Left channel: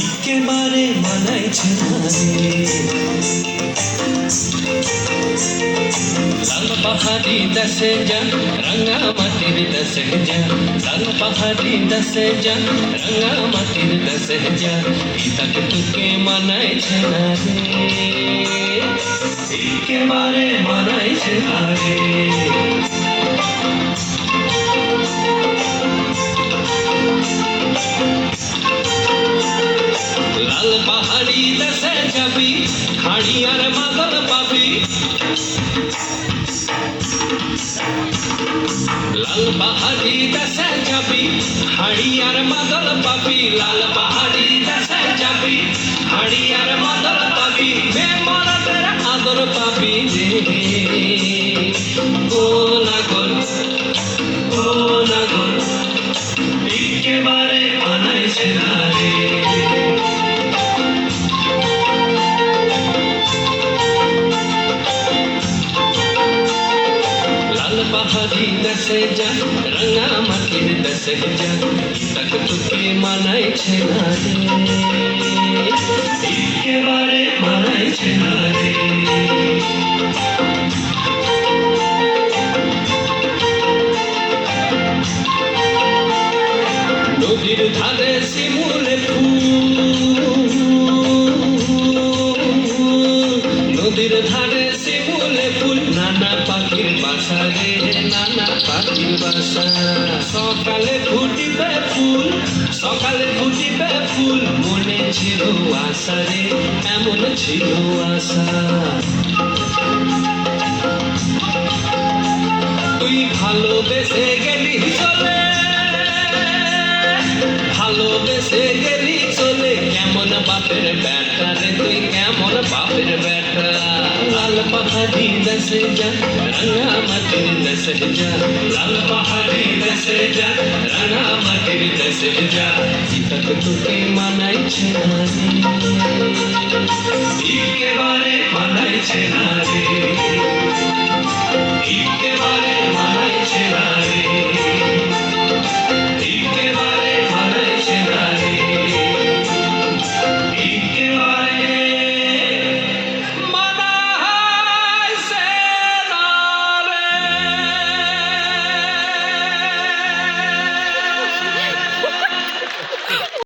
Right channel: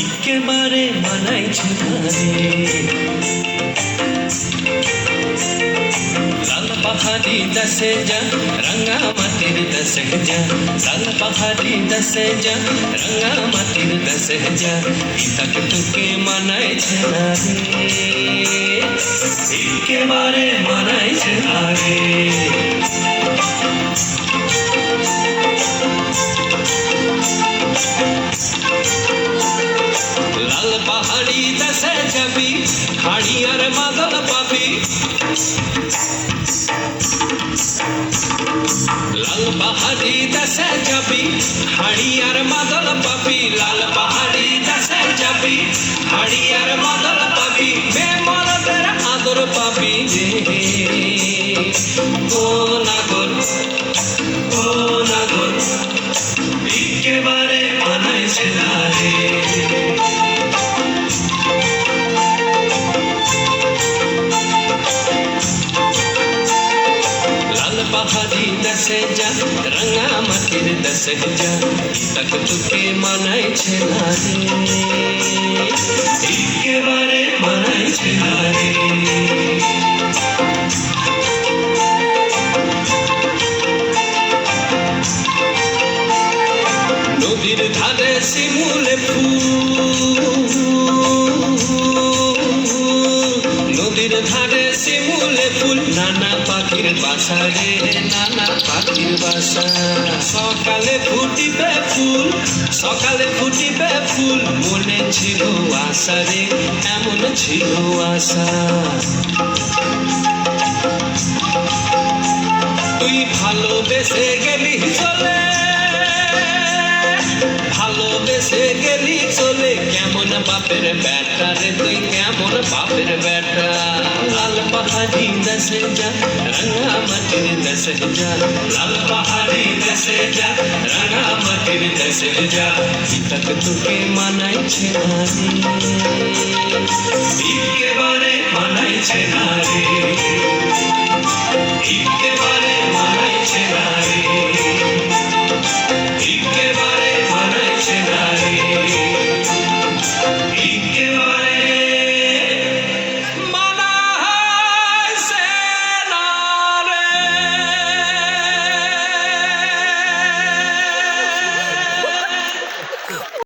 একেবারে মানাইছে না রে, লাল পাহাড়ি দশে যা রঙা মাটির দশে যা, লাল পাহাড়ি দশে যা রঙা মাটির দশে যা, তক তোকে মানাইছে না রে, একেবারে মানাইছে না রে। লাল পাহাড়ি দেশে যাবি, হাড়ি আর মাদল পাবি, লাল পাহাড়ি দেশে যাবি, হাড়ি আর মাদল পাবি, লাল পাহাড়ি দেশে যাবি, হাড়ি আর মাদল পাবি, বেমরদের আদর পাবি রে। ও নাগর, ও নাগর, একেবারে মানাইছে না রে। পাহাড়ি দশে যা রঙা মাটির দশে যা, তক তোকে মানাইছে না রে, একেবারে মানাইছে না রে। নদীর ধারে শিমুল ফুল, নদীর ধারে শিমুল ফুল, নানা পাখির বাসা রে, নানা পাখির বাসা। সকালে ফুটিবে ফুল, সকালে ফুটিবে ফুল, মনে ছিল আশা রে, এমন ছিল আশা। তুই ভালোবেসে গেলি চলে, ভালোবেসে গেলি চলে, কেমন বাপের বেটা রে তুই, কেমন বাপের বেটা। লাল পাহাড়ি দশে যা রঙা মাটির দশে যা, লাল পাহাড়ি দশে যা রঙা মাটির দশে যা, তক তোকে মানাইছে না রে, একেবারে মানাইছে না রে, একেবারে